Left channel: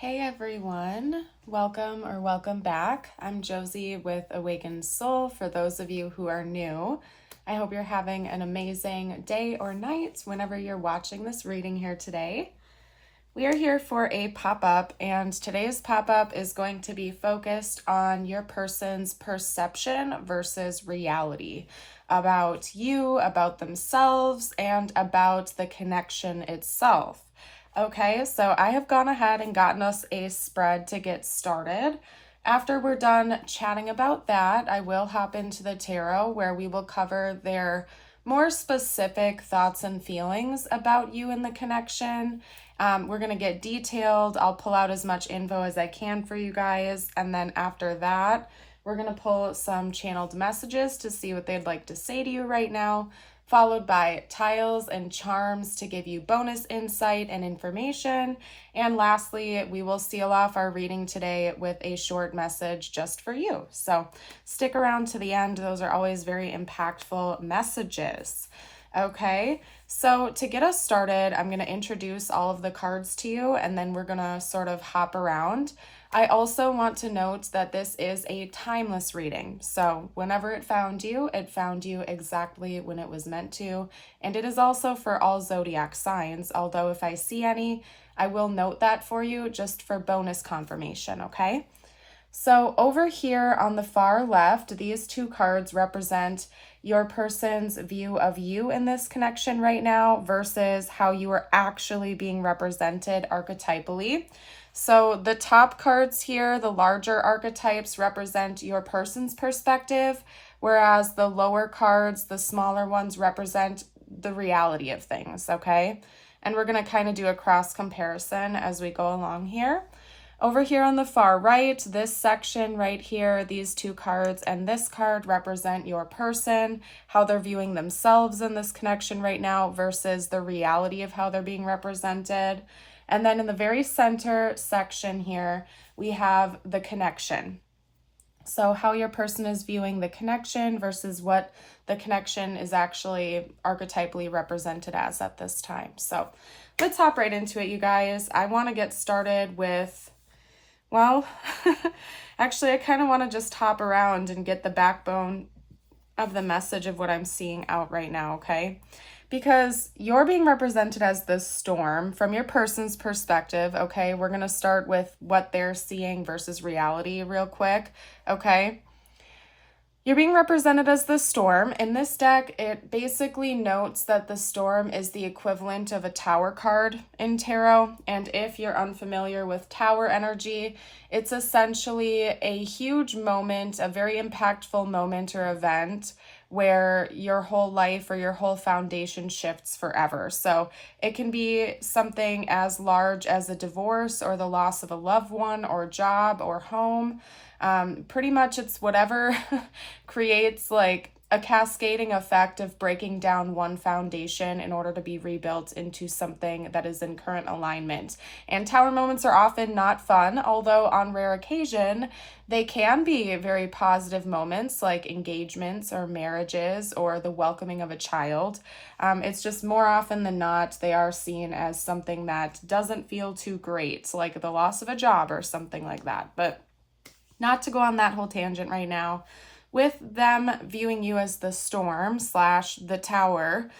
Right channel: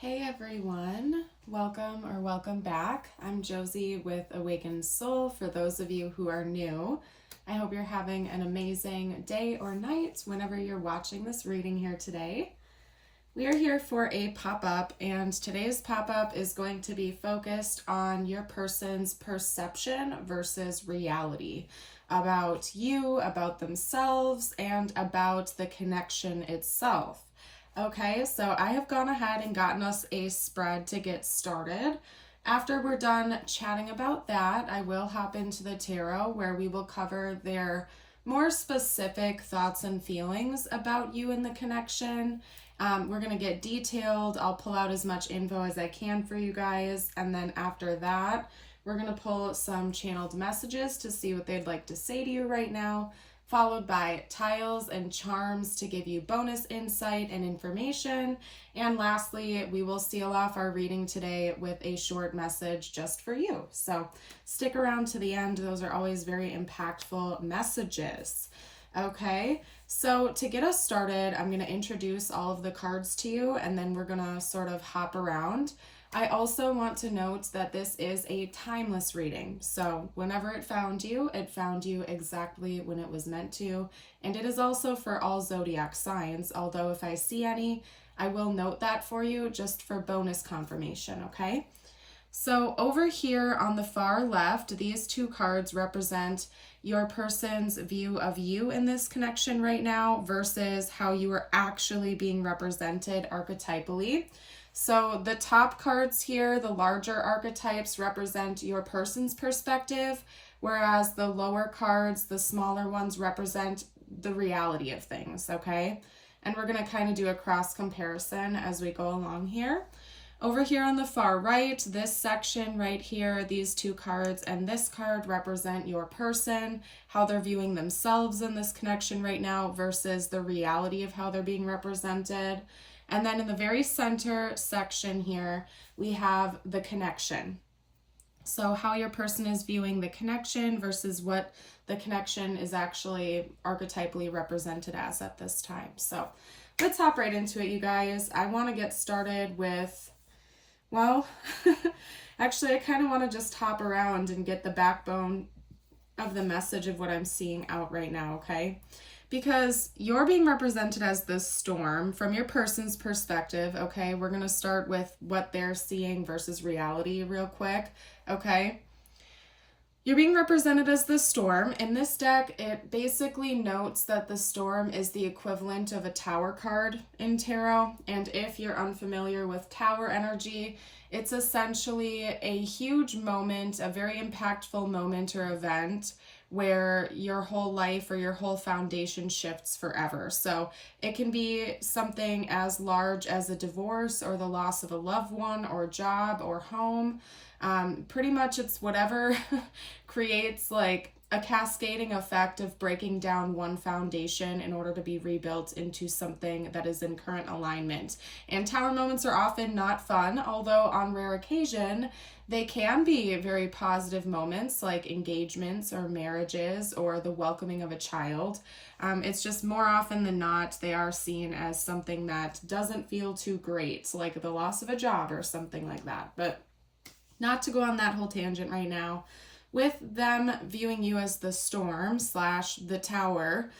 Hey everyone, welcome back. I'm Josie with Awakened Soul. For those of you who are new, I hope you're having an amazing day or night whenever you're watching this reading here today. We are here for a pop-up, and today's pop-up is going to be focused on your person's perception versus reality about you, about themselves, and about the connection itself. Okay, so I have gone ahead and gotten us a spread to get started. After we're done chatting about that, I will hop into the tarot where we will cover their more specific thoughts and feelings about you and the connection. We're going to get detailed. I'll pull out as much info as I can for you guys. And then after that, we're going to pull some channeled messages to see what they'd like to say to you right now, followed by tiles and charms to give you bonus insight and information. And lastly, we will seal off our reading today with a short message just for you. So stick around to the end. Those are always very impactful messages. Okay, so to get us started, I'm going to introduce all of the cards to you, and then we're going to sort of hop around. I also want to note that this is a timeless reading. So whenever it found you exactly when it was meant to. And it is also for all zodiac signs, although if I see any, I will note that for you just for bonus confirmation, okay? So over here on the far left, these two cards represent your person's view of you in this connection right now versus how you are actually being represented archetypally. So the top cards here, the larger archetypes, represent your person's perspective, whereas the lower cards, the smaller ones, represent the reality of things, okay? And we're going to kind of do a cross comparison as we go along here. Over here on the far right, this section right here, these two cards and this card represent your person, how they're viewing themselves in this connection right now versus the reality of how they're being represented. And then in the very center section here, we have the connection. So how your person is viewing the connection versus what the connection is actually archetypally represented as at this time. So let's hop right into it, you guys. I want to get started with, well, actually, I kind of want to just hop around and get the backbone of the message of what I'm seeing out right now, okay? Because you're being represented as this storm from your person's perspective, okay? We're going to start with what they're seeing versus reality real quick, okay? You're being represented as the storm. In this deck, it basically notes that the storm is the equivalent of a tower card in tarot. And if you're unfamiliar with tower energy, it's essentially a huge moment, a very impactful moment or event where your whole life or your whole foundation shifts forever. So it can be something as large as a divorce or the loss of a loved one or job or home. Pretty much it's whatever creates like a cascading effect of breaking down one foundation in order to be rebuilt into something that is in current alignment. And tower moments are often not fun, although on rare occasion, they can be very positive moments like engagements or marriages or the welcoming of a child. It's just more often than not, they are seen as something that doesn't feel too great, like the loss of a job or something like that. But not to go on that whole tangent right now. With them viewing you as the storm / the tower,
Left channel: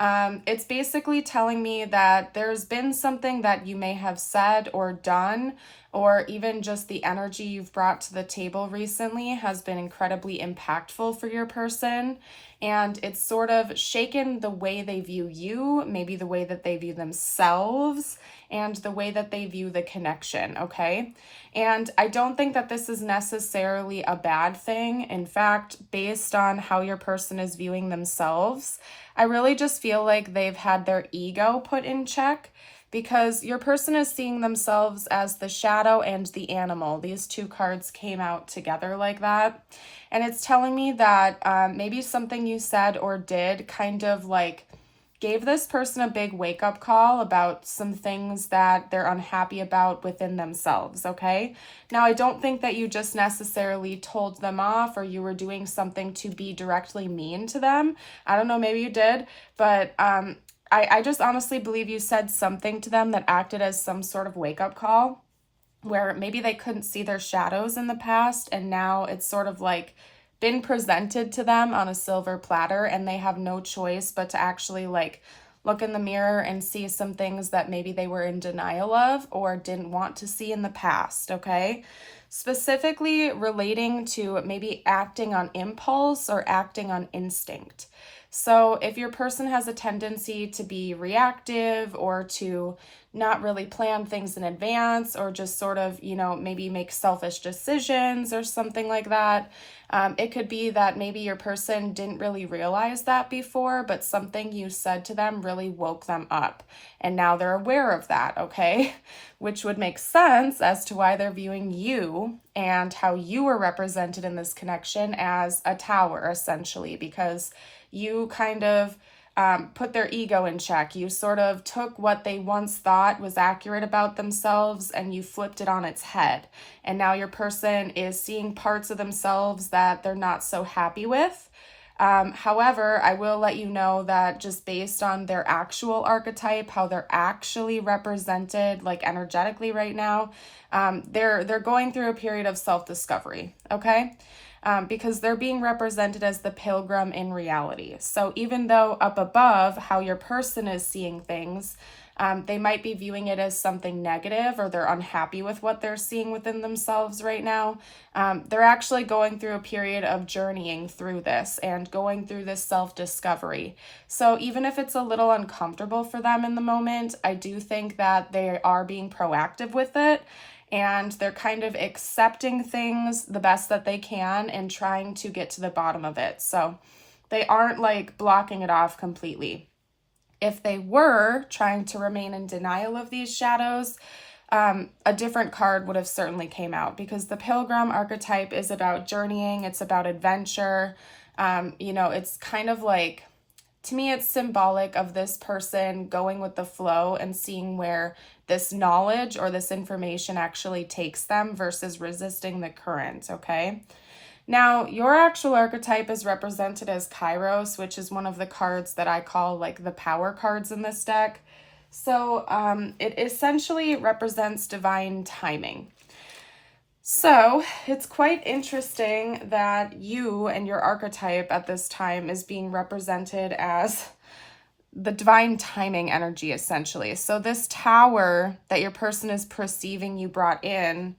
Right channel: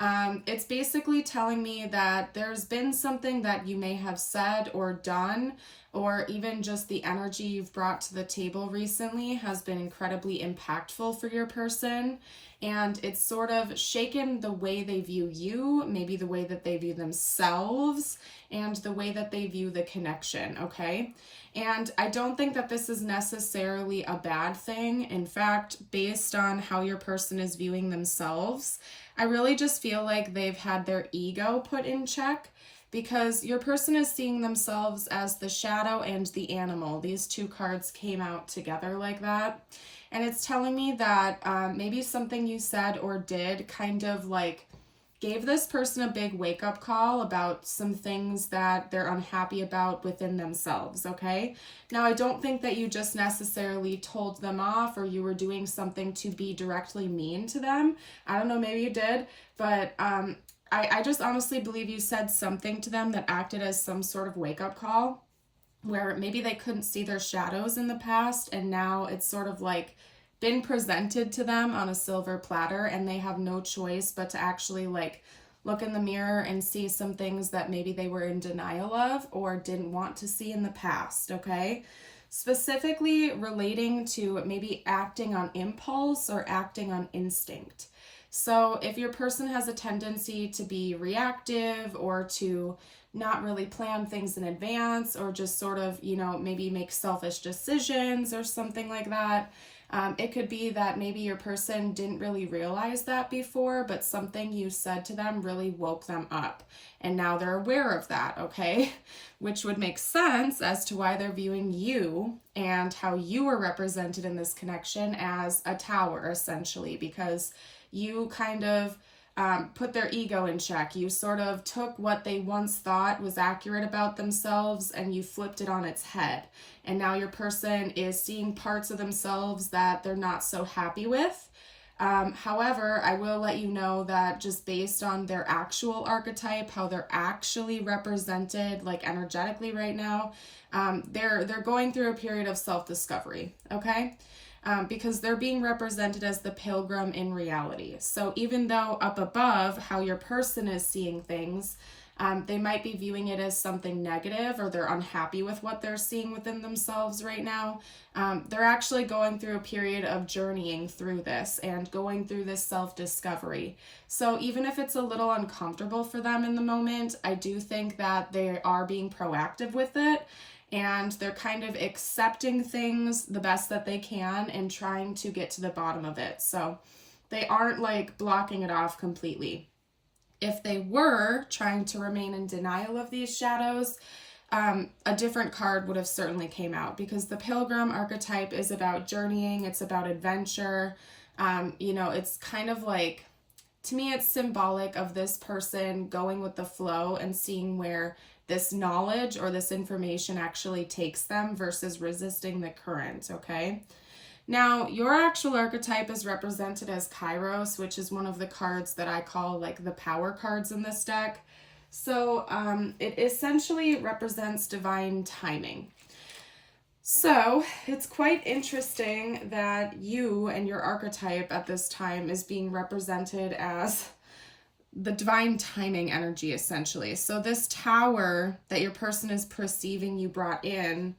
it's basically telling me that there's been something that you may have said or done, or even just the energy you've brought to the table recently has been incredibly impactful for your person. And it's sort of shaken the way they view you, maybe the way that they view themselves, and the way that they view the connection, okay? And I don't think that this is necessarily a bad thing. In fact, based on how your person is viewing themselves, I really just feel like they've had their ego put in check, because your person is seeing themselves as the shadow and the animal. These two cards came out together like that. And it's telling me that maybe something you said or did kind of like gave this person a big wake-up call about some things that they're unhappy about within themselves, okay? Now, I don't think that you just necessarily told them off or you were doing something to be directly mean to them. I don't know, maybe you did, but I just honestly believe you said something to them that acted as some sort of wake-up call. where maybe they couldn't see their shadows in the past, and now it's sort of like been presented to them on a silver platter, and they have no choice but to actually like look in the mirror and see some things that maybe they were in denial of or didn't want to see in the past, okay? Specifically relating to maybe acting on impulse or acting on instinct. So if your person has a tendency to be reactive or to not really plan things in advance, or just sort of, maybe make selfish decisions or something like that, it could be that maybe your person didn't really realize that before, but something you said to them really woke them up. And now they're aware of that, okay? Which would make sense as to why they're viewing you and how you were represented in this connection as a tower, essentially, because you kind of put their ego in check. You sort of took what they once thought was accurate about themselves and you flipped it on its head. And now your person is seeing parts of themselves that they're not so happy with. However, I will let you know that just based on their actual archetype, how they're actually represented like energetically right now, they're going through a period of self-discovery, okay? Because they're being represented as the pilgrim in reality. So even though up above how your person is seeing things, they might be viewing it as something negative, or they're unhappy with what they're seeing within themselves right now. They're actually going through a period of journeying through this and going through this self-discovery. So even if it's a little uncomfortable for them in the moment, I do think that they are being proactive with it. And they're kind of accepting things the best that they can and trying to get to the bottom of it. So they aren't like blocking it off completely. If they were trying to remain in denial of these shadows, a different card would have certainly came out, because the pilgrim archetype is about journeying. It's about adventure. It's kind of like, to me, it's symbolic of this person going with the flow and seeing where this knowledge or this information actually takes them versus resisting the current, okay? Now, your actual archetype is represented as Kairos, which is one of the cards that I call like the power cards in this deck. So it essentially represents divine timing. So it's quite interesting that you and your archetype at this time is being represented as the divine timing energy, essentially. So this tower that your person is perceiving you brought in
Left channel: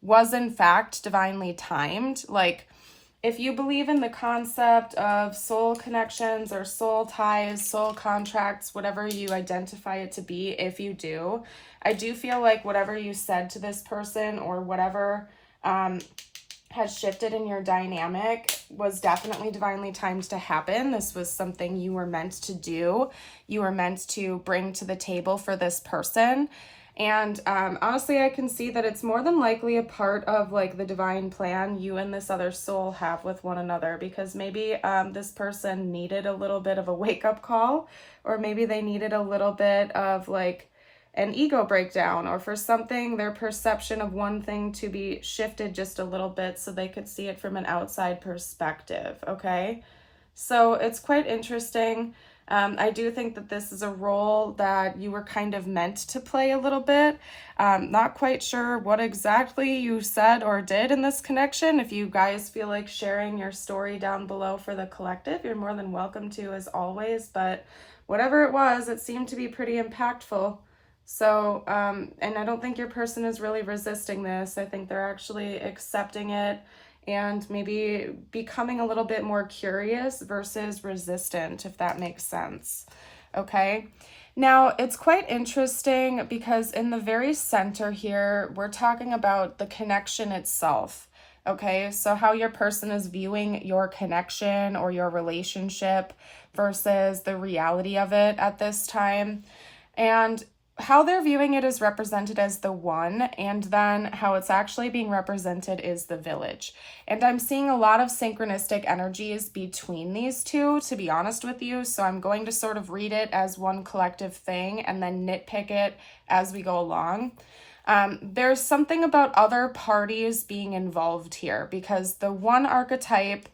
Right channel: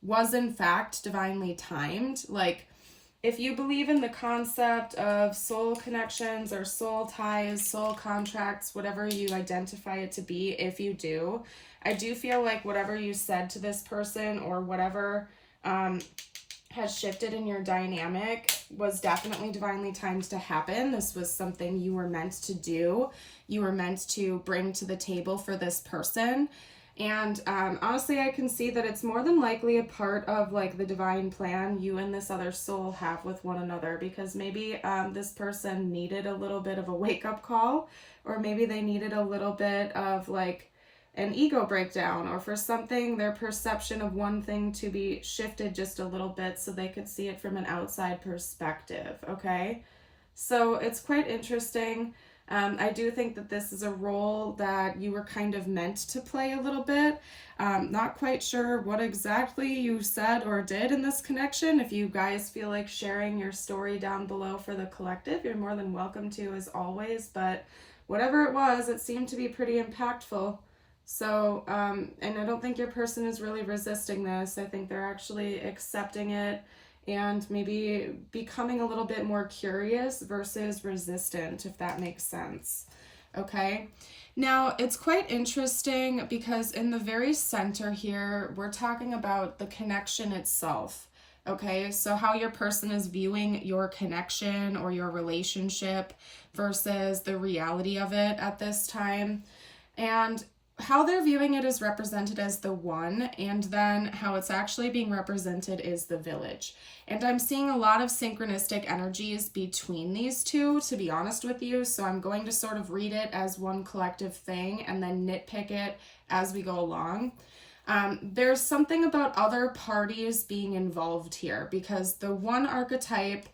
was in fact divinely timed. Like, if you believe in the concept of soul connections or soul ties, soul contracts, whatever you identify it to be, if you do, I do feel like whatever you said to this person or whatever has shifted in your dynamic was definitely divinely timed to happen. This was something you were meant to do. You were meant to bring to the table for this person. And honestly, I can see that it's more than likely a part of like the divine plan you and this other soul have with one another, because maybe this person needed a little bit of a wake-up call, or maybe they needed a little bit of like an ego breakdown, or for something, their perception of one thing to be shifted just a little bit so they could see it from an outside perspective, okay? So it's quite interesting. I do think that this is a role that you were kind of meant to play a little bit. Not quite sure what exactly you said or did in this connection. If you guys feel like sharing your story down below for the collective, you're more than welcome to, as always. But whatever it was, it seemed to be pretty impactful. So, and I don't think your person is really resisting this. I think they're actually accepting it and maybe becoming a little bit more curious versus resistant, if that makes sense. Okay. Now, it's quite interesting because in the very center here, we're talking about the connection itself. Okay, so how your person is viewing your connection or your relationship versus the reality of it at this time. And how they're viewing it is represented as the one, and then how it's actually being represented is the village. And I'm seeing a lot of synchronistic energies between these two, to be honest with you. So I'm going to sort of read it as one collective thing and then nitpick it as we go along. There's something about other parties being involved here, because the one archetype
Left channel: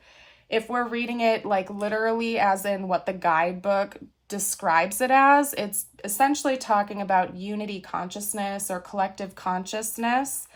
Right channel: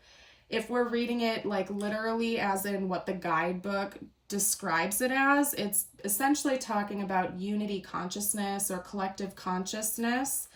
if we're reading it like literally as in what the guidebook describes it as, it's essentially talking about unity consciousness or collective consciousness.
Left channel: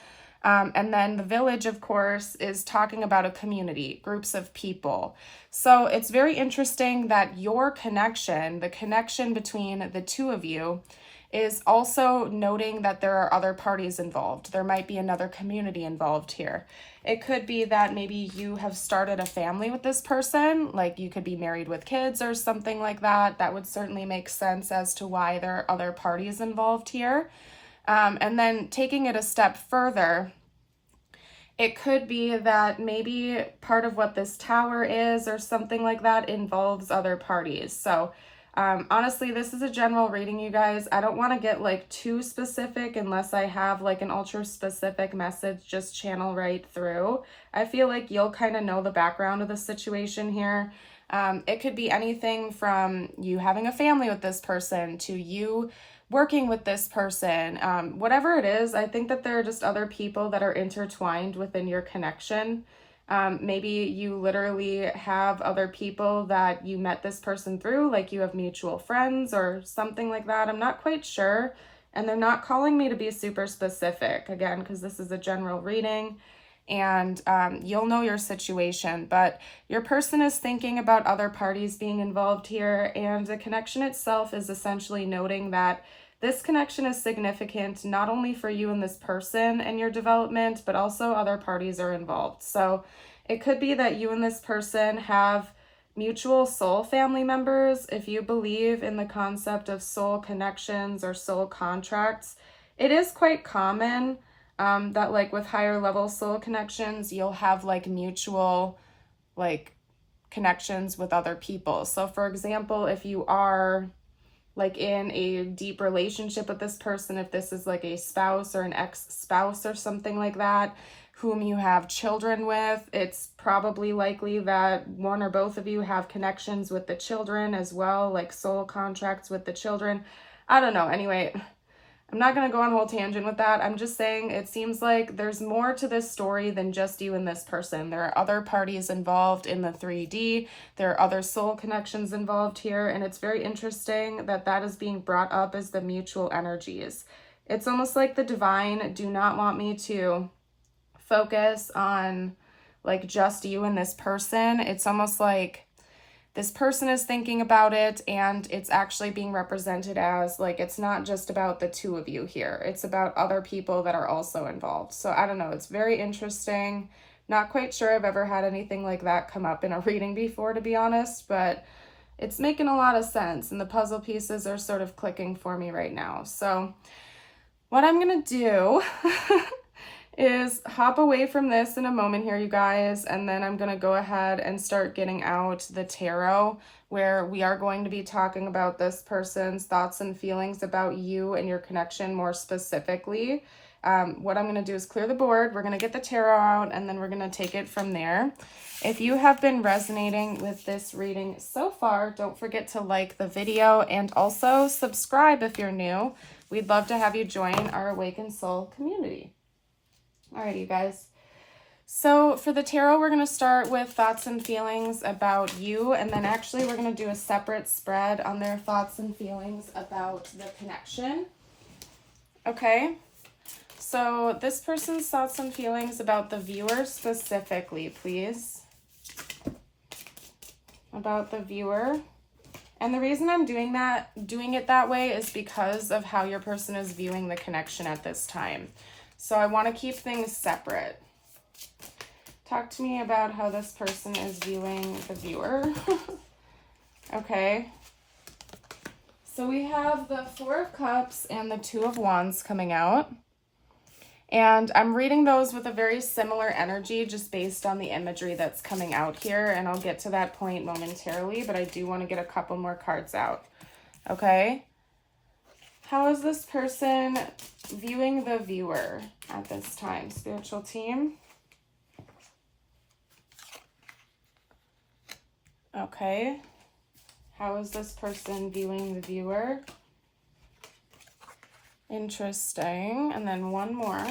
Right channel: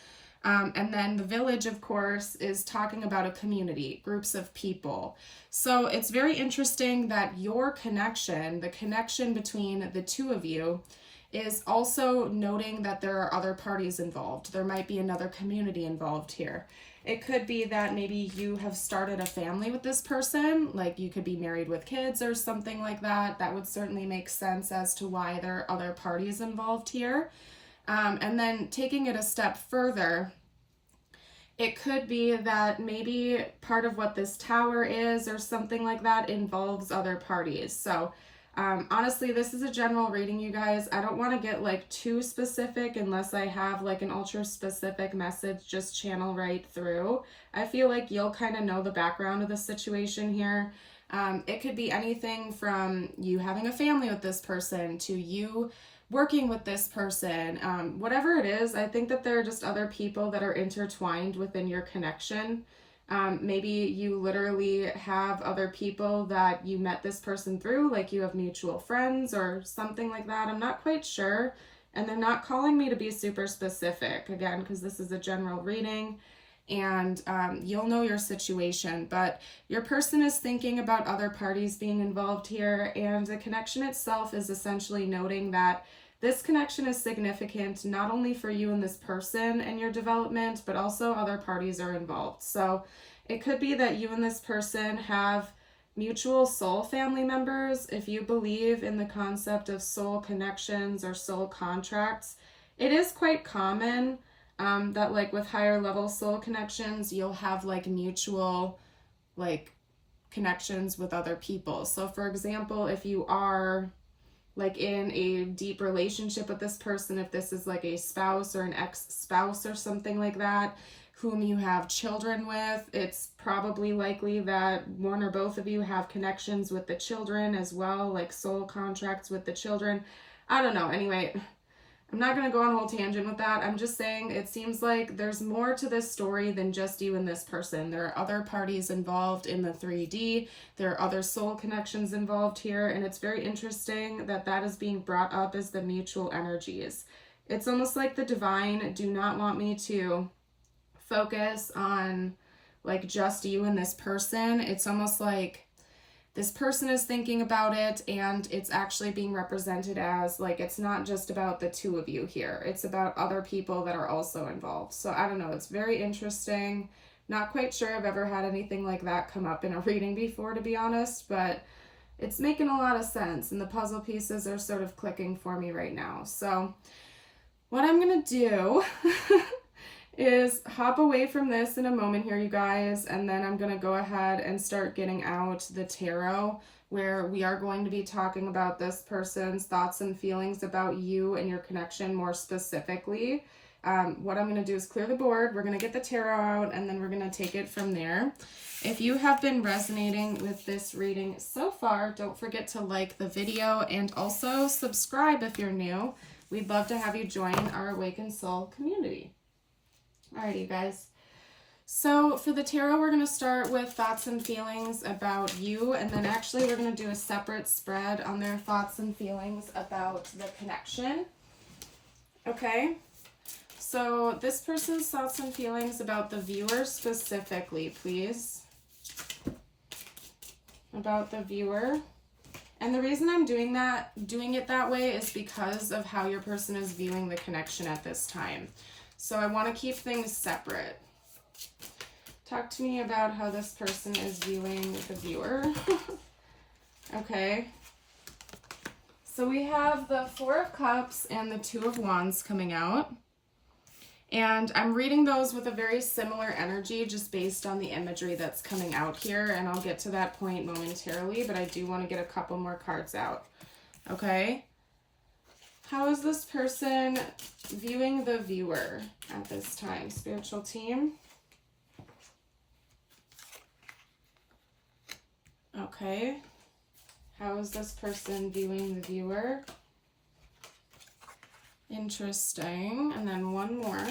And then the village, of course, is talking about a community, groups of people. So it's very interesting that your connection, the connection between the two of you, is also noting that there are other parties involved. There might be another community involved here. It could be that maybe you have started a family with this person, like you could be married with kids or something like that. That would certainly make sense as to why there are other parties involved here. And then taking it a step further, it could be that maybe part of what this tower is or something like that involves other parties. So honestly, this is a general reading, you guys. I don't want to get like too specific unless I have like an ultra specific message just channel right through. I feel like you'll kind of know the background of the situation here. It could be anything from you having a family with this person to you working with this person. Whatever it is, I think that there are just other people that are intertwined within your connection. Maybe you literally have other people that you met this person through, like you have mutual friends or something like that. I'm not quite sure. And they're not calling me to be super specific, again, because this is a general reading and you'll know your situation. But your person is thinking about other parties being involved here, and the connection itself is essentially noting that this connection is significant not only for you and this person and your development, but also other parties are involved. So it could be that you and this person have mutual soul family members. If you believe in the concept of soul connections or soul contracts, it is quite common that like with higher level soul connections, you'll have like mutual like connections with other people. So for example, if you are like in a deep relationship with this person, if this is like a spouse or an ex-spouse or something like that, whom you have children with, it's probably likely that one or both of you have connections with the children as well, like soul contracts with the children. I don't know. Anyway, I'm not going to go on a whole tangent with that. I'm just saying it seems like there's more to this story than just you and this person. There are other parties involved in the 3D. There are other soul connections involved here. And it's very interesting that that is being brought up as the mutual energies. It's almost like the divine do not want me to focus on like just you and this person. It's almost like this person is thinking about it, and it's actually being represented as like, it's not just about the two of you here. It's about other people that are also involved. So I don't know. It's very interesting. Not quite sure I've ever had anything like that come up in a reading before, to be honest, but it's making a lot of sense, and the puzzle pieces are sort of clicking for me right now. So what I'm going to do is hop away from this in a moment here, you guys, and then I'm going to go ahead and start getting out the tarot, where we are going to be talking about this person's thoughts and feelings about you and your connection more specifically. What I'm going to do is clear the board. We're going to get the tarot out, and then we're going to take it from there. If you have been resonating with this reading so far, don't forget to like the video and also subscribe if you're new. We'd love to have you join our Awakened Soul community. Alrighty, you guys. So for the tarot, we're going to start with thoughts and feelings about you, and then actually we're going to do a separate spread on their thoughts and feelings about the connection. Okay, so this person's thoughts and feelings about the viewer specifically, please. About the viewer. And the reason I'm doing it that way is because of how your person is viewing the connection at this time. So I want to keep things separate. Talk to me about how this person is viewing the viewer. Okay. So we have the Four of Cups and the Two of Wands coming out. And I'm reading those with a very similar energy just based on the imagery that's coming out here. And I'll get to that point momentarily, but I do want to get a couple more cards out. Okay. How is this person viewing the viewer at this time? Spiritual team. Okay. How is this person viewing the viewer? Interesting. And then one more.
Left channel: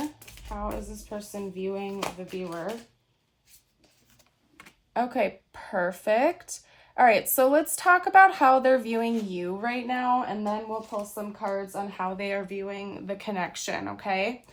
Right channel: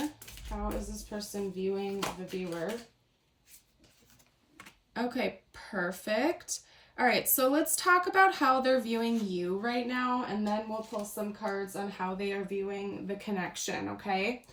How is this person viewing the viewer? Okay, perfect. All right, so let's talk about how they're viewing you right now, and then we'll pull some cards on how they are viewing the connection, okay?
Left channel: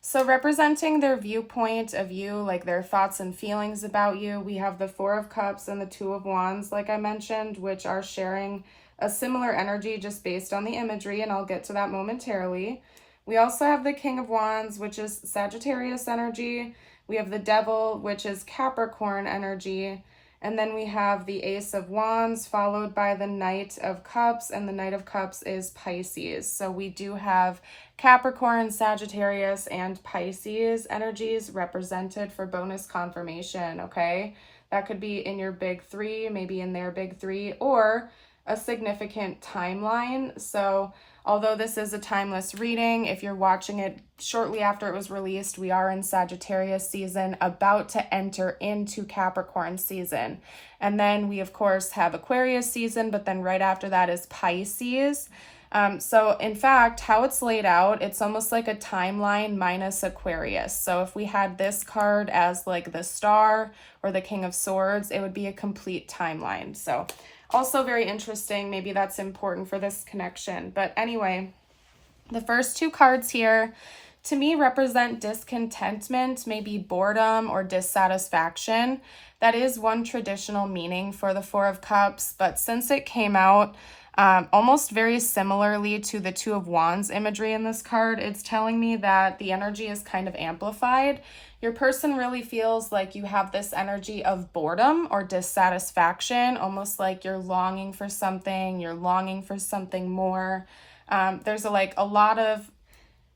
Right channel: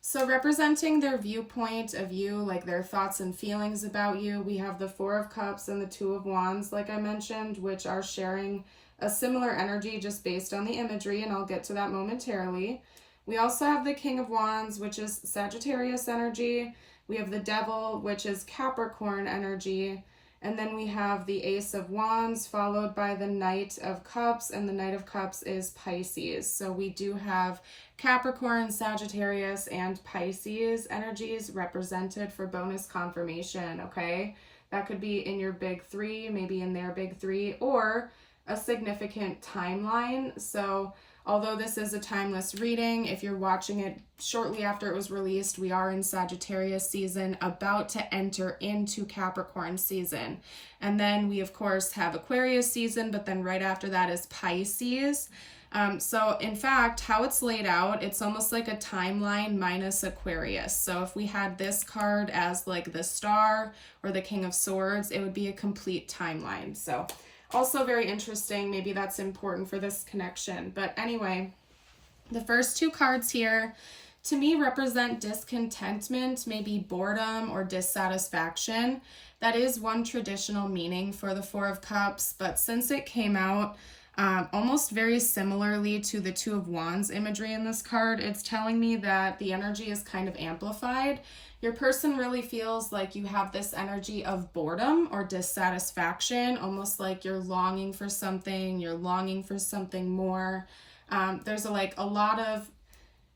So representing their viewpoint of you, like their thoughts and feelings about you, we have the Four of Cups and the Two of Wands, like I mentioned, which are sharing a similar energy just based on the imagery, and I'll get to that momentarily. We also have the King of Wands, which is Sagittarius energy. We have the Devil, which is Capricorn energy. And then we have the Ace of Wands followed by the Knight of Cups, and the Knight of Cups is Pisces. So we do have Capricorn, Sagittarius, and Pisces energies represented for bonus confirmation, okay? That could be in your big three, maybe in their big three, or a significant timeline. So although this is a timeless reading, if you're watching it shortly after it was released, we are in Sagittarius season, about to enter into Capricorn season. And then we, of course, have Aquarius season, but then right after that is Pisces. So in fact, how it's laid out, it's almost like a timeline minus Aquarius. So if we had this card as like the Star or the King of Swords, it would be a complete timeline. So also very interesting. Maybe that's important for this connection. But anyway, the first two cards here to me represent discontentment, maybe boredom or dissatisfaction. That is one traditional meaning for the Four of Cups, but since it came out almost very similarly to the Two of Wands imagery in this card, it's telling me that the energy is kind of amplified. Your person really feels like you have this energy of boredom or dissatisfaction, almost like you're longing for something more. There's a lot of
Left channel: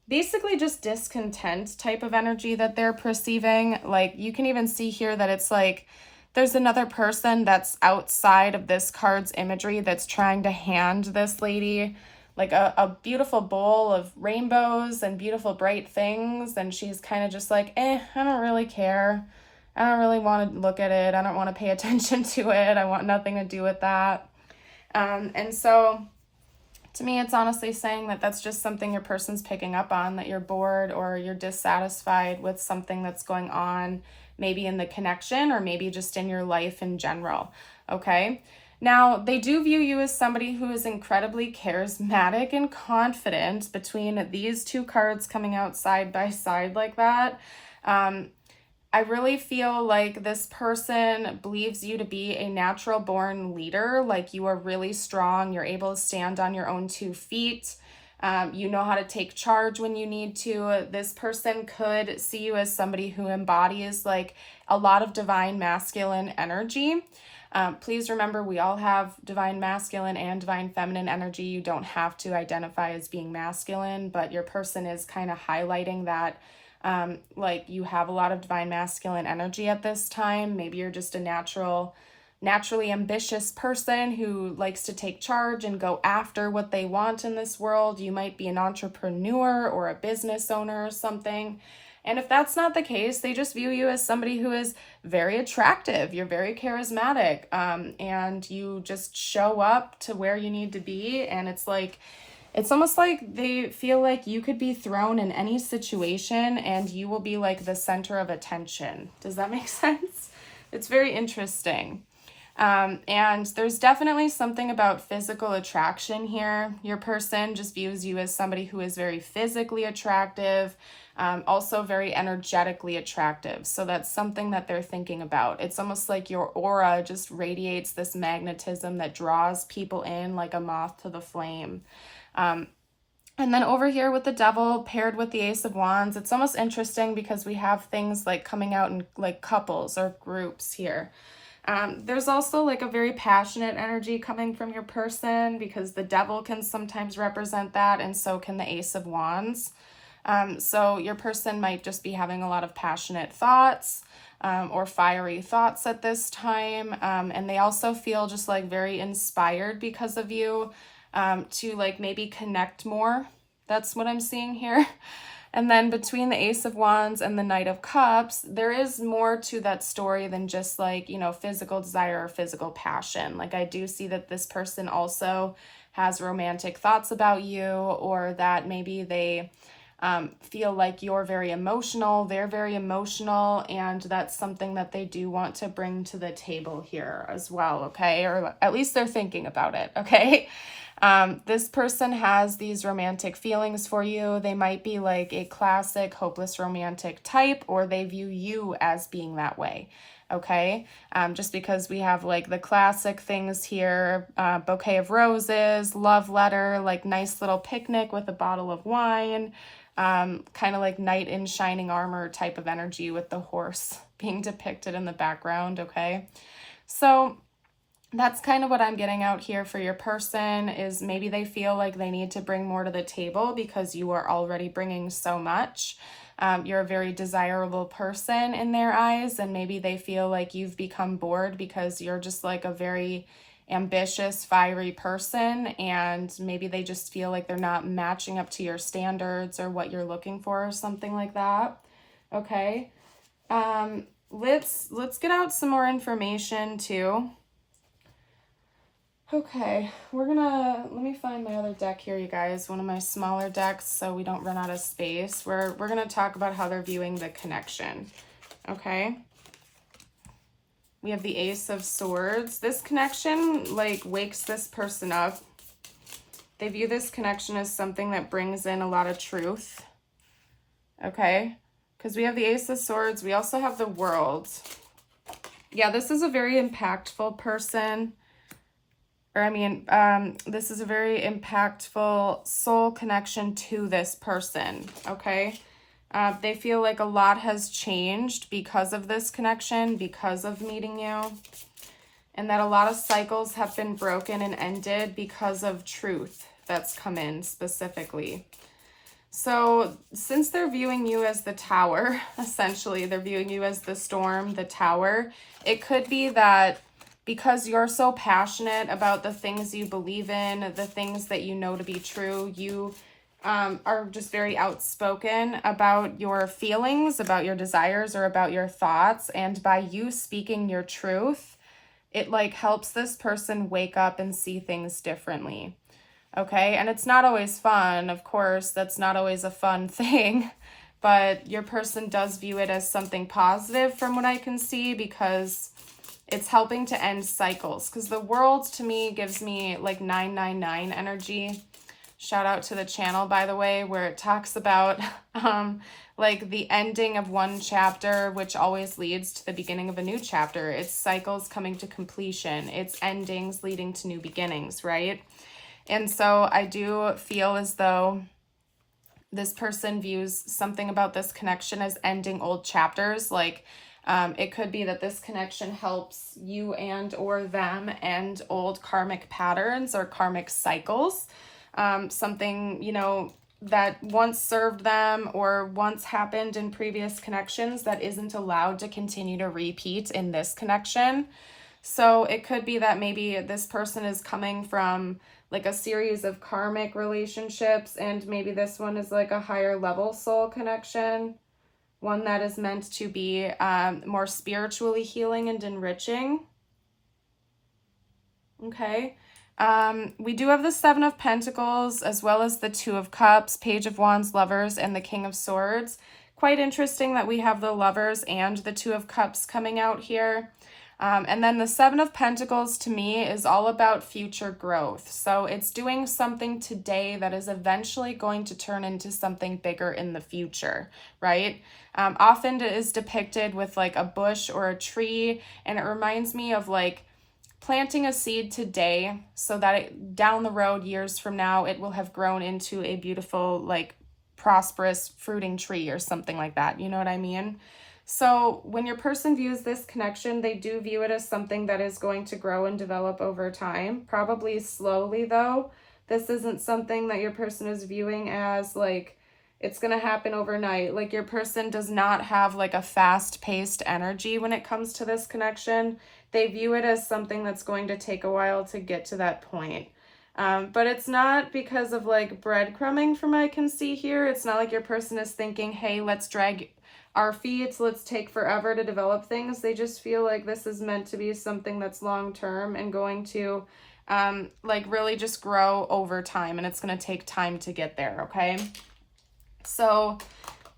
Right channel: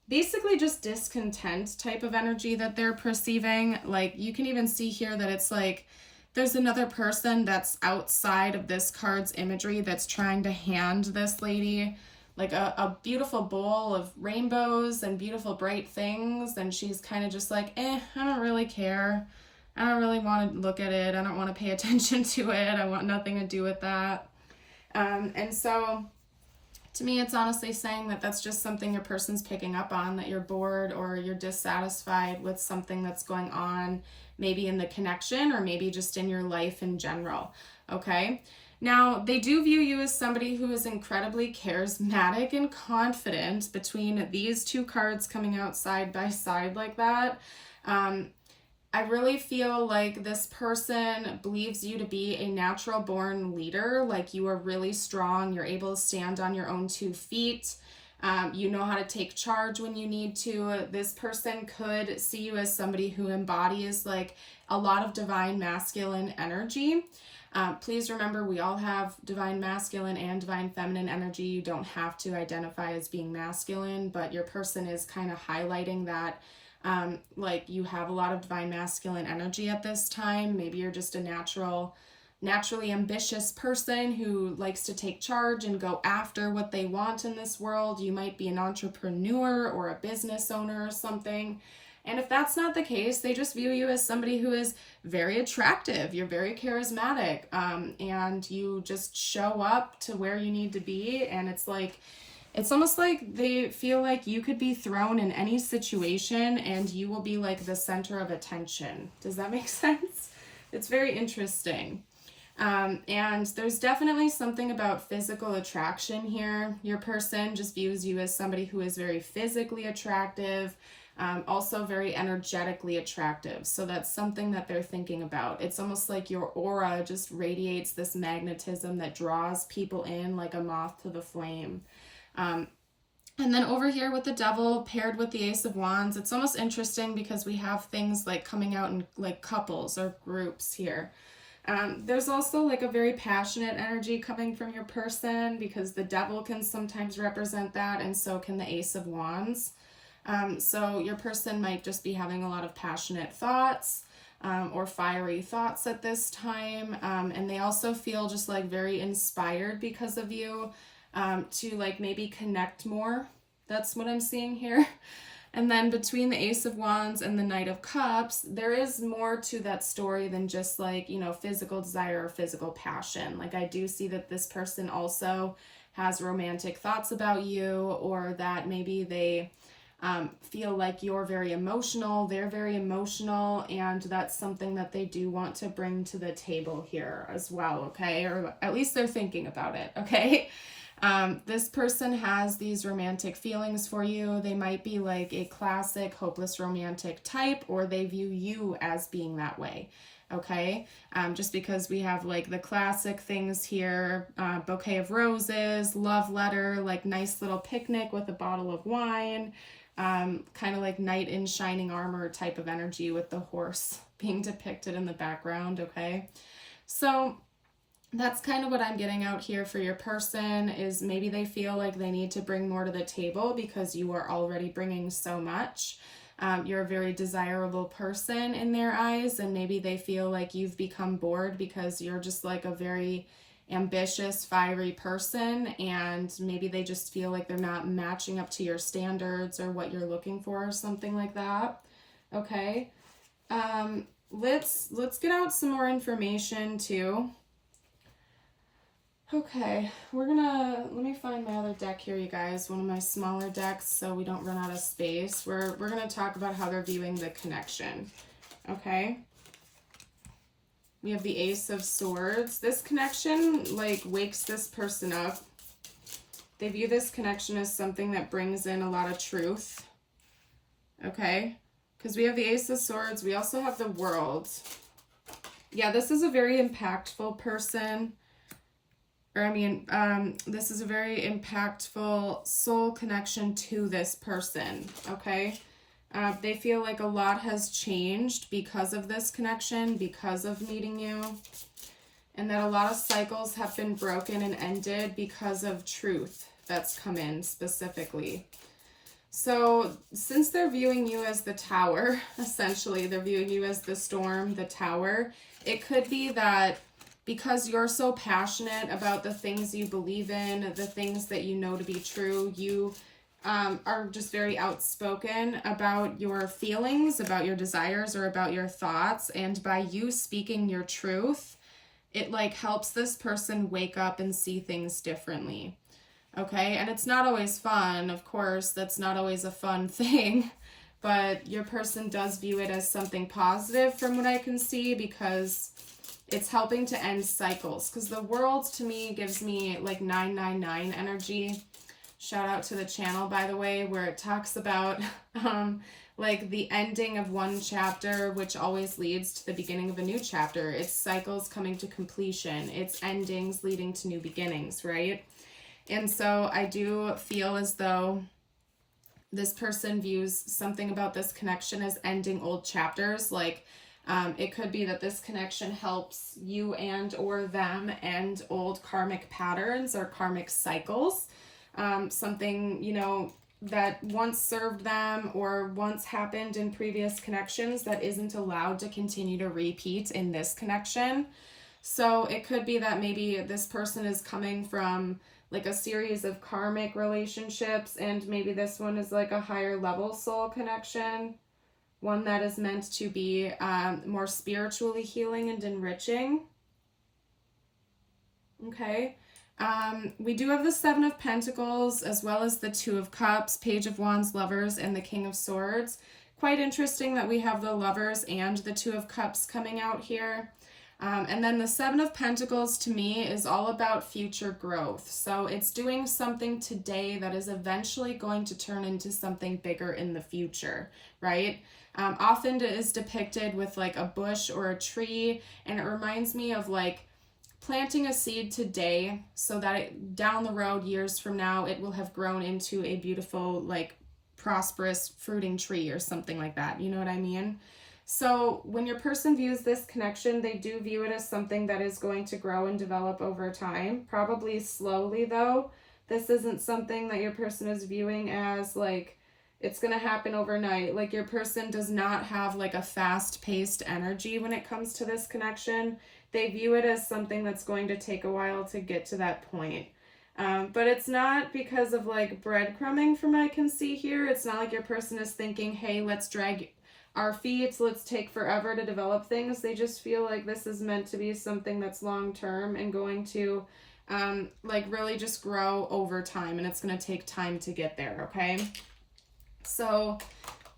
basically just discontent type of energy that they're perceiving. Like you can even see here that it's like there's another person that's outside of this card's imagery that's trying to hand this lady like a beautiful bowl of rainbows and beautiful bright things, and she's kind of just like, I don't really care. I don't really want to look at it. I don't want to pay attention to it. I want nothing to do with that. And so to me, it's honestly saying that that's just something your person's picking up on, that you're bored or you're dissatisfied with something that's going on, maybe in the connection or maybe just in your life in general, okay? Now, they do view you as somebody who is incredibly charismatic and confident. Between these two cards coming out side by side like that, I really feel like this person believes you to be a natural born leader. Like you are really strong. You're able to stand on your own 2 feet. You know how to take charge when you need to. This person could see you as somebody who embodies like a lot of divine masculine energy. Please remember, we all have divine masculine and divine feminine energy. You don't have to identify as being masculine, but your person is kind of highlighting that like you have a lot of divine masculine energy at this time. Maybe you're just a naturally ambitious person who likes to take charge and go after what they want in this world. You might be an entrepreneur or a business owner or something. And if that's not the case, they just view you as somebody who is very attractive. You're very charismatic, and you just show up to where you need to be. And it's almost like they feel like you could be thrown in any situation and you will be like the center of attention. Does that make sense? It's very interesting. And there's definitely something about physical attraction here. Your person just views you as somebody who is very physically attractive, also very energetically attractive. So that's something that they're thinking about. It's almost like your aura just radiates this magnetism that draws people in like a moth to the flame. And then over here with the Devil paired with the Ace of Wands, it's almost interesting because we have things like coming out in like couples or groups here. There's also like a very passionate energy coming from your person because the Devil can sometimes represent that, and so can the Ace of Wands. So your person might just be having a lot of passionate thoughts or fiery thoughts at this time. And they also feel just like very inspired because of you to like maybe connect more. That's what I'm seeing here. And then between the Ace of Wands and the Knight of Cups, there is more to that story than just like, physical desire or physical passion. Like I do see that this person also has romantic thoughts about you, or that maybe they feel like you're very emotional, they're very emotional, and that's something that they do want to bring to the table here as well, okay? Or at least they're thinking about it, okay? This person has these romantic feelings for you. They might be like a classic hopeless romantic type, or they view you as being that way, okay? Just because we have like the classic things here, bouquet of roses, love letter, like nice little picnic with a bottle of wine, kind of like knight in shining armor type of energy with the horse being depicted in the background, okay? So that's kind of what I'm getting out here for your person, is maybe they feel like they need to bring more to the table because you are already bringing so much. You're a very desirable person in their eyes, and maybe they feel like you've become bored because you're just like a very ambitious, fiery person, and maybe they just feel like they're not matching up to your standards or what you're looking for or something like that. Okay. Let's get out some more information too. Okay, let me find my other deck here, you guys, one of my smaller decks so we don't run out of space. We're gonna talk about how they're viewing the connection, okay? We have the Ace of Swords. This connection, like, wakes this person up. They view this connection as something that brings in a lot of truth, okay? Because we have the Ace of Swords. We also have the World. Yeah, this is a very impactful person. This is a very impactful soul connection to this person, okay? They feel like a lot has changed because of this connection, because of meeting you, and that a lot of cycles have been broken and ended because of truth that's come in specifically. So since they're viewing you as the Tower, essentially, they're viewing you as the Storm, the Tower, it could be that because you're so passionate about the things you believe in, the things that you know to be true, you are just very outspoken about your feelings, about your desires, or about your thoughts. And by you speaking your truth, it like helps this person wake up and see things differently. Okay, and it's not always fun, of course, that's not always a fun thing, but your person does view it as something positive from what I can see, because it's helping to end cycles. Because the World to me gives me like 999 energy. Shout out to the channel, by the way, where it talks about like the ending of one chapter, which always leads to the beginning of a new chapter. It's cycles coming to completion. It's endings leading to new beginnings, right? And so I do feel as though this person views something about this connection as ending old chapters. Like it could be that this connection helps you and or them end old karmic patterns or karmic cycles. Something, you know, that once served them or once happened in previous connections that isn't allowed to continue to repeat in this connection. So it could be that maybe this person is coming from like a series of karmic relationships, and maybe this one is like a higher level soul connection, one that is meant to be more spiritually healing and enriching. Okay. We do have the Seven of Pentacles, as well as the Two of Cups, Page of Wands, Lovers, and the King of Swords. Quite interesting that we have the Lovers and the Two of Cups coming out here. And then the Seven of Pentacles to me is all about future growth. So it's doing something today that is eventually going to turn into something bigger in the future, right? Often it is depicted with like a bush or a tree, and it reminds me of like planting a seed today so that down the road, years from now, it will have grown into a beautiful, like prosperous fruiting tree or something like that. You know what I mean? So when your person views this connection, they do view it as something that is going to grow and develop over time, probably slowly though. This isn't something that your person is viewing as like it's going to happen overnight. Like your person does not have like a fast-paced energy when it comes to this connection. They view it as something that's going to take a while to get to that point. But it's not because of like breadcrumbing from what I can see here. It's not like your person is thinking, hey, let's drag our feet, let's take forever to develop things. They just feel like this is meant to be something that's long-term and going to like really just grow over time, and it's going to take time to get there, okay? So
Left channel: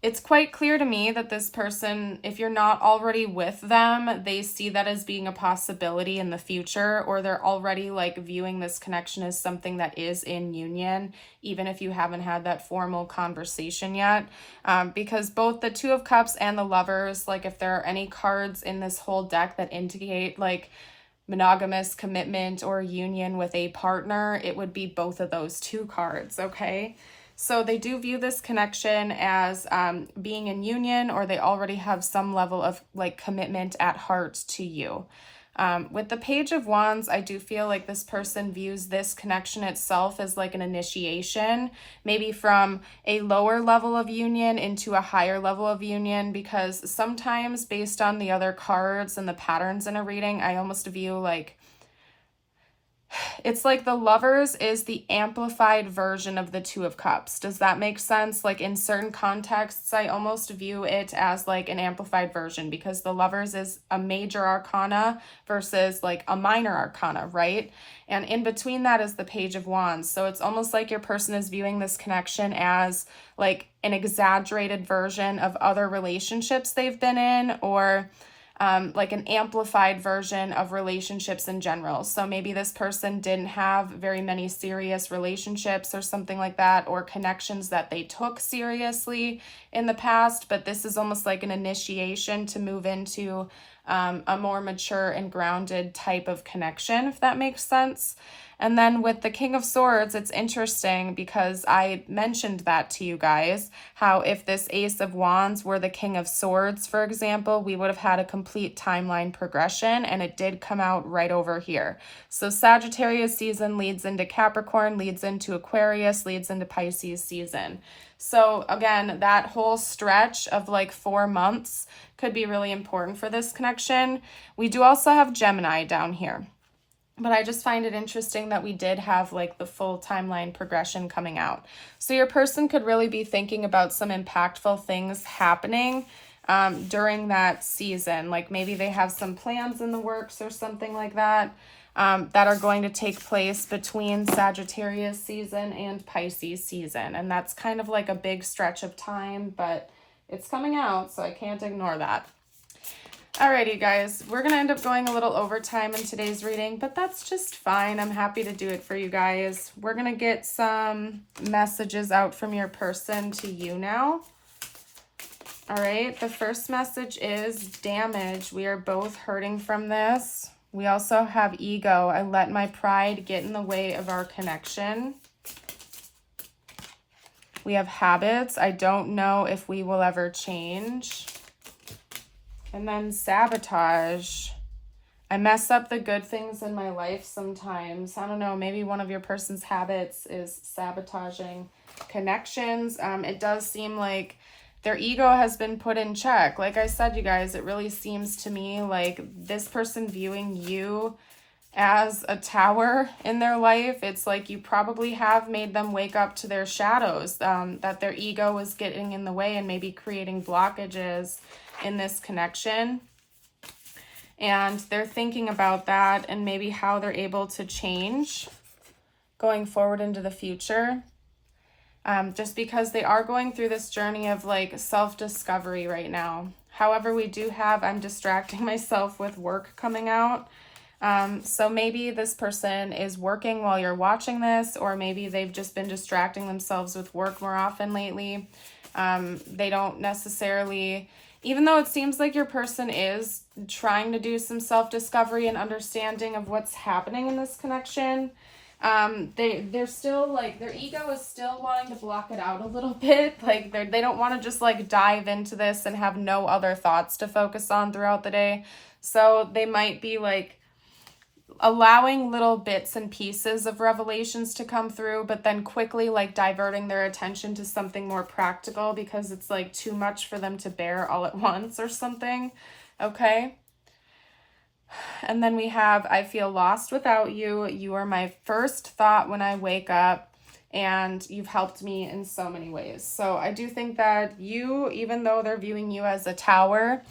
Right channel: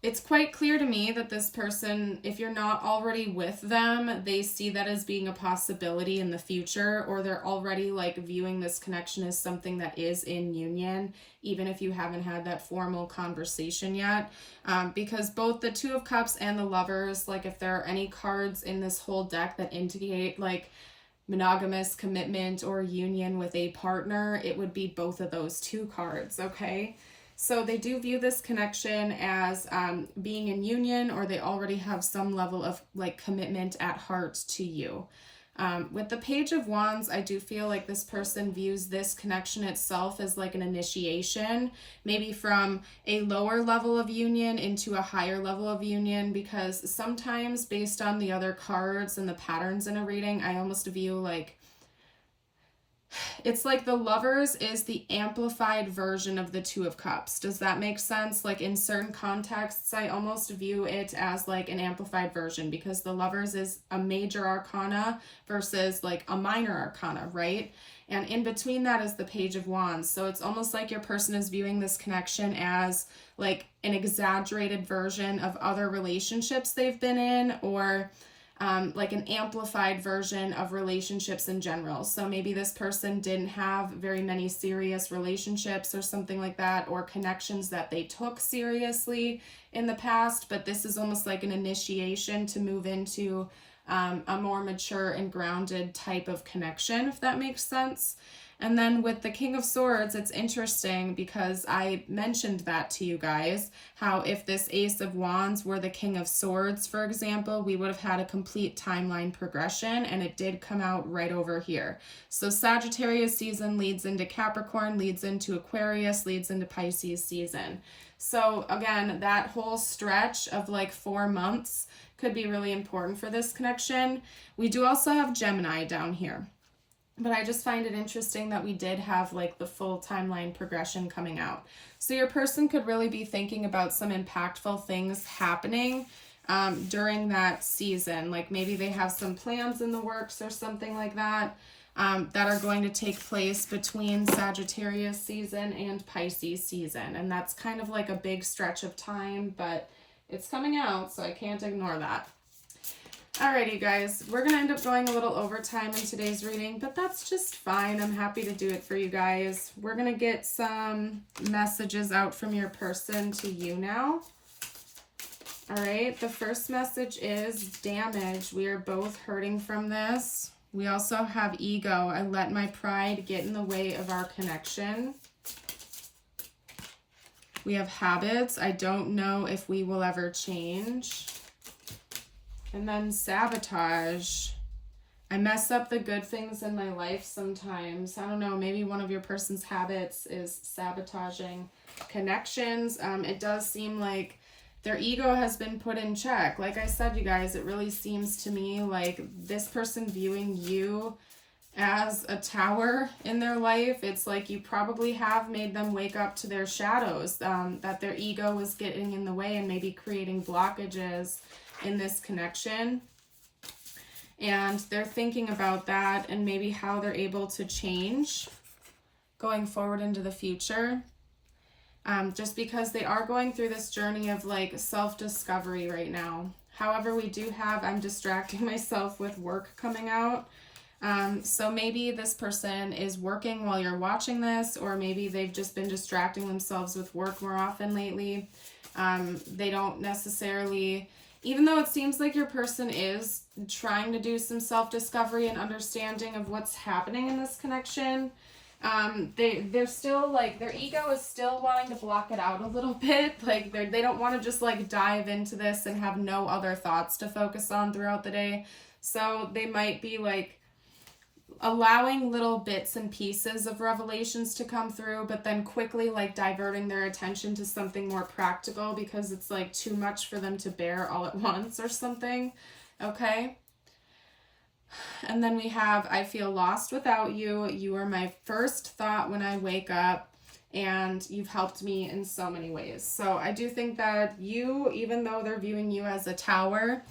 it's quite clear to me that this person, if you're not already with them, they see that as being a possibility in the future, or they're already like viewing this connection as something that is in union, even if you haven't had that formal conversation yet. Because both the Two of Cups and the Lovers, like if there are any cards in this whole deck that indicate like monogamous commitment or union with a partner, it would be both of those two cards, okay? So they do view this connection as being in union, or they already have some level of like commitment at heart to you. With the Page of Wands, I do feel like this person views this connection itself as like an initiation, maybe from a lower level of union into a higher level of union, because sometimes based on the other cards and the patterns in a reading, I almost view like it's like the Lovers is the amplified version of the Two of Cups. Does that make sense? Like in certain contexts, I almost view it as like an amplified version, because the Lovers is a major arcana versus like a minor arcana, right? And in between that is the Page of Wands. So it's almost like your person is viewing this connection as like an exaggerated version of other relationships they've been in, or like an amplified version of relationships in general. So maybe this person didn't have very many serious relationships or something like that, or connections that they took seriously in the past, but this is almost like an initiation to move into a more mature and grounded type of connection, if that makes sense. And then with the King of Swords, it's interesting because I mentioned that to you guys, how if this Ace of Wands were the King of Swords, for example, we would have had a complete timeline progression, and it did come out right over here. So Sagittarius season leads into Capricorn, leads into Aquarius, leads into Pisces season. So again, that whole stretch of like 4 months could be really important for this connection. We do also have Gemini down here, but I just find it interesting that we did have like the full timeline progression coming out. So your person could really be thinking about some impactful things happening during that season. Like maybe they have some plans in the works or something like that, that are going to take place between Sagittarius season and Pisces season. And that's kind of like a big stretch of time, but it's coming out, so I can't ignore that. Alrighty, guys, we're going to end up going a little overtime in today's reading, but that's just fine. I'm happy to do it for you guys. We're going to get some messages out from your person to you now. All right, the first message is damage. We are both hurting from this. We also have ego. I let my pride get in the way of our connection. We have habits. I don't know if we will ever change. And then sabotage. I mess up the good things in my life sometimes. I don't know, maybe one of your person's habits is sabotaging connections. It does seem like their ego has been put in check. Like I said, you guys, it really seems to me like this person viewing you as a tower in their life. It's like you probably have made them wake up to their shadows, that their ego is getting in the way and maybe creating blockages in this connection. And they're thinking about that and maybe how they're able to change going forward into the future. Just because they are going through this journey of like self-discovery right now. However, we do have, I'm distracting myself with work coming out. So maybe this person is working while you're watching this, or maybe they've just been distracting themselves with work more often lately. They don't necessarily, even though it seems like your person is trying to do some self-discovery and understanding of what's happening in this connection, they're still like, their ego is still wanting to block it out a little bit. Like they don't want to just like dive into this and have no other thoughts to focus on throughout the day. So they might be like allowing little bits and pieces of revelations to come through, but then quickly like diverting their attention to something more practical because it's like too much for them to bear all at once or something. Okay. And then we have, I feel lost without you. You are my first thought when I wake up, and you've helped me in so many ways. So I do think that you, even though they're viewing you as a tower,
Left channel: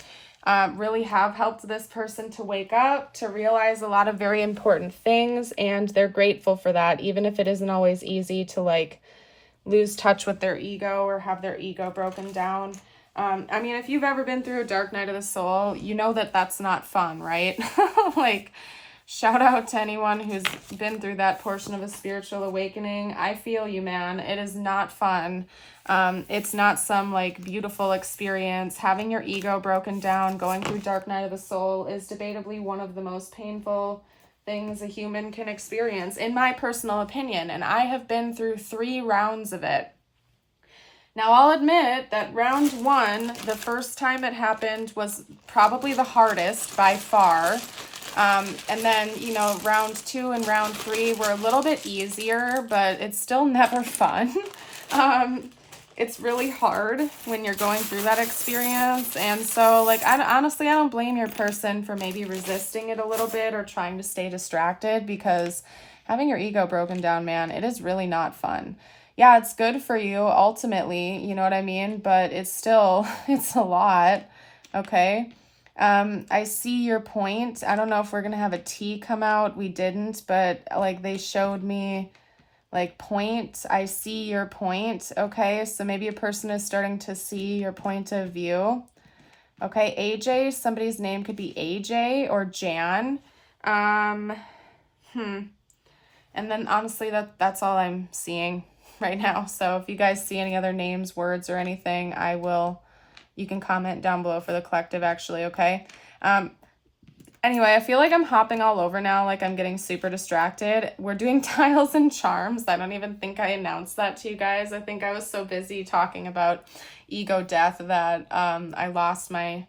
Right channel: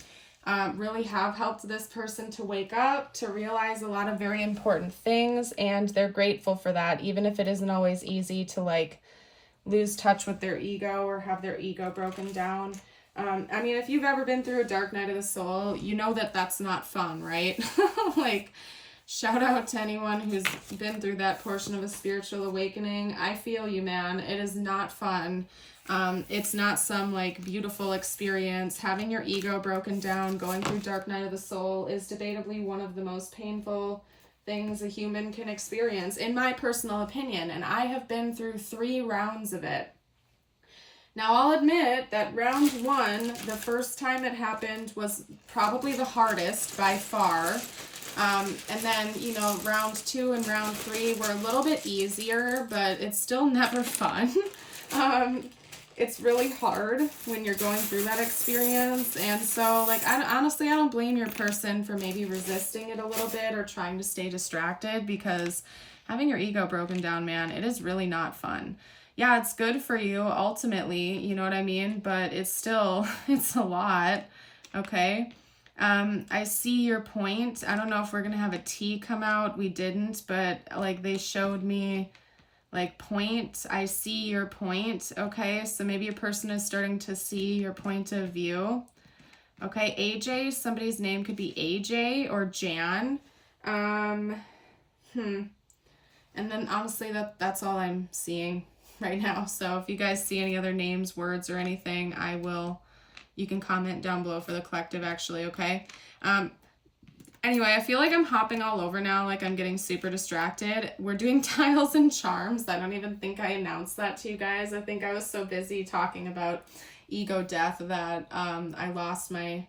really have helped this person to wake up, to realize a lot of very important things, and they're grateful for that, even if it isn't always easy to like lose touch with their ego or have their ego broken down. I mean, if you've ever been through a dark night of the soul, you know that that's not fun, right? Like, shout out to anyone who's been through that portion of a spiritual awakening. I feel you, man. It is not fun. It's not some like beautiful experience. Having your ego broken down, going through dark night of the soul is debatably one of the most painful things a human can experience, in my personal opinion. And I have been through 3 rounds of it. Now, I'll admit that round 1, the first time it happened, was probably the hardest by far. And then, you know, round 2 and round 3 were a little bit easier, but it's still never fun. It's really hard when you're going through that experience. And so, like, honestly, I don't blame your person for maybe resisting it a little bit or trying to stay distracted, because having your ego broken down, man, it is really not fun. Yeah, it's good for you ultimately, you know what I mean? But it's still, it's a lot, okay? I see your point. I don't know if we're going to have a T come out. We didn't, but like they showed me like point. I see your point, okay? So maybe a person is starting to see your point of view. Okay, AJ, somebody's name could be AJ or Jan. And then honestly, that's all I'm seeing right now. So if you guys see any other names, words, or anything, you can comment down below for the collective, actually, okay? Anyway, I feel like I'm hopping all over now, like I'm getting super distracted. We're doing tiles and charms. I don't even think I announced that to you guys. I think I was so busy talking about ego death that I lost my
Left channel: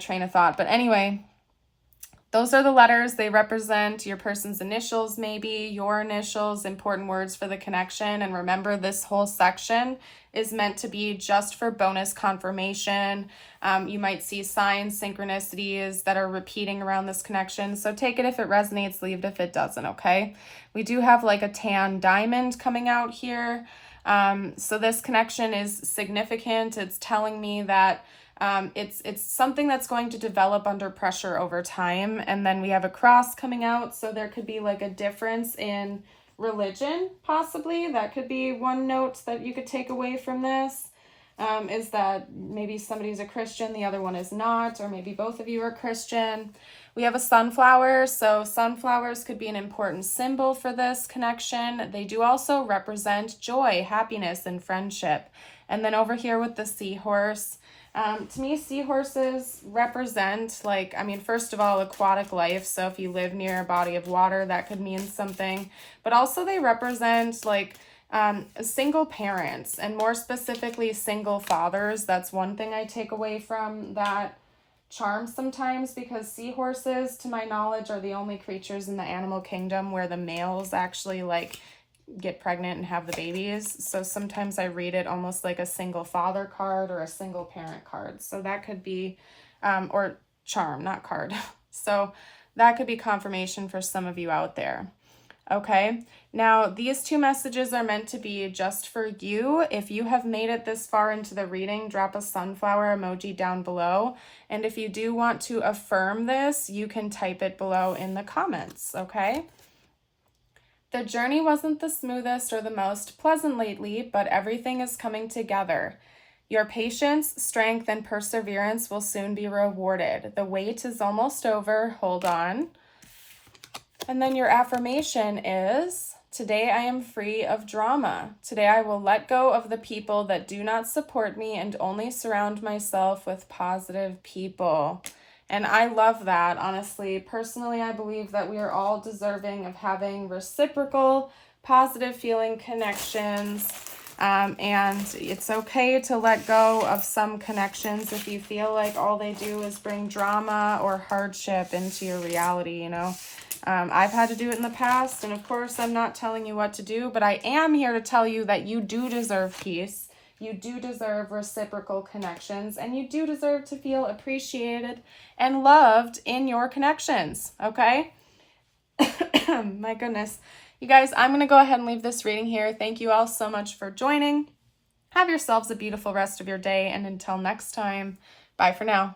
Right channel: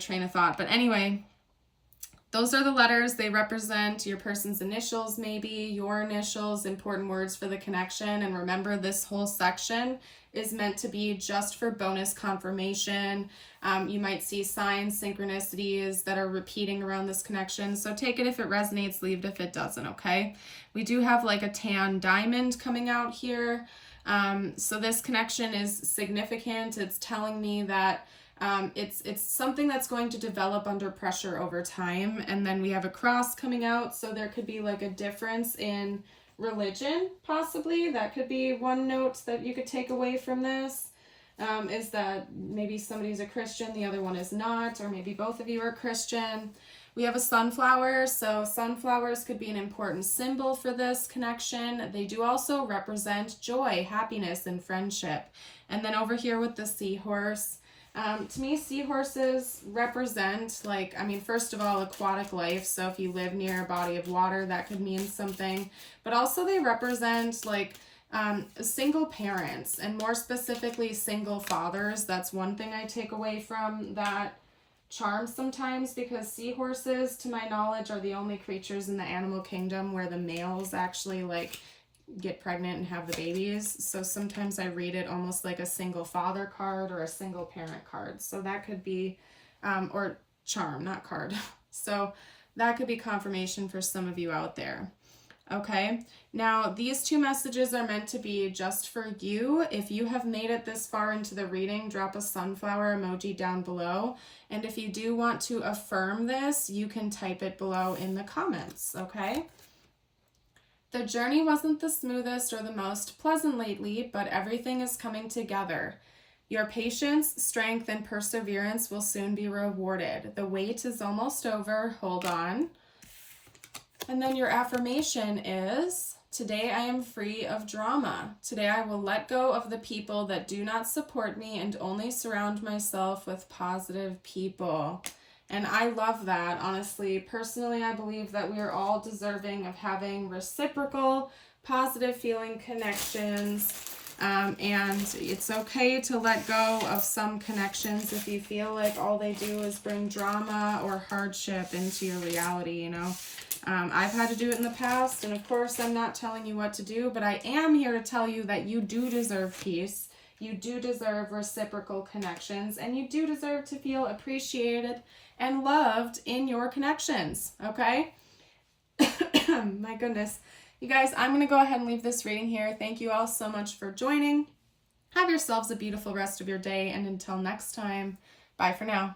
train of thought. But anyway, those are the letters. They represent your person's initials, maybe your initials, important words for the connection. And remember, this whole section is meant to be just for bonus confirmation. You might see signs, synchronicities that are repeating around this connection. So take it if it resonates, leave it if it doesn't, okay? We do have like a tan diamond coming out here. So this connection is significant. It's telling me that it's something that's going to develop under pressure over time. And then we have a cross coming out. So there could be like a difference in religion, possibly. That could be one note that you could take away from this, is that maybe somebody's a Christian, the other one is not, or maybe both of you are Christian. We have a sunflower, so sunflowers could be an important symbol for this connection. They do also represent joy, happiness, and friendship. And then over here with the seahorse, to me, seahorses represent, like, I mean, first of all, aquatic life. So if you live near a body of water, that could mean something. But also they represent, like, single parents, and more specifically, single fathers. That's one thing I take away from that charm sometimes, because seahorses, to my knowledge, are the only creatures in the animal kingdom where the males actually, like, get pregnant and have the babies. So sometimes I read it almost like a single father card or a single parent card. So that could be, or charm, not card. So that could be confirmation for some of you out there. Okay, now these 2 messages are meant to be just for you. If you have made it this far into the reading, drop a sunflower emoji down below. And if you do want to affirm this, you can type it below in the comments, okay? The journey wasn't the smoothest or the most pleasant lately, but everything is coming together. Your patience, strength, and perseverance will soon be rewarded. The wait is almost over. Hold on. And then your affirmation is, today I am free of drama. Today I will let go of the people that do not support me and only surround myself with positive people. And I love that, honestly. Personally, I believe that we are all deserving of having reciprocal, positive feeling connections. And it's okay to let go of some connections if you feel like all they do is bring drama or hardship into your reality, you know. I've had to do it in the past, and of course, I'm not telling you what to do, but I am here to tell you that you do deserve peace. You do deserve reciprocal connections, and you do deserve to feel appreciated and loved in your connections, okay? My goodness. You guys, I'm going to go ahead and leave this reading here. Thank you all so much for joining. Have yourselves a beautiful rest of your day, and until next time, bye for now.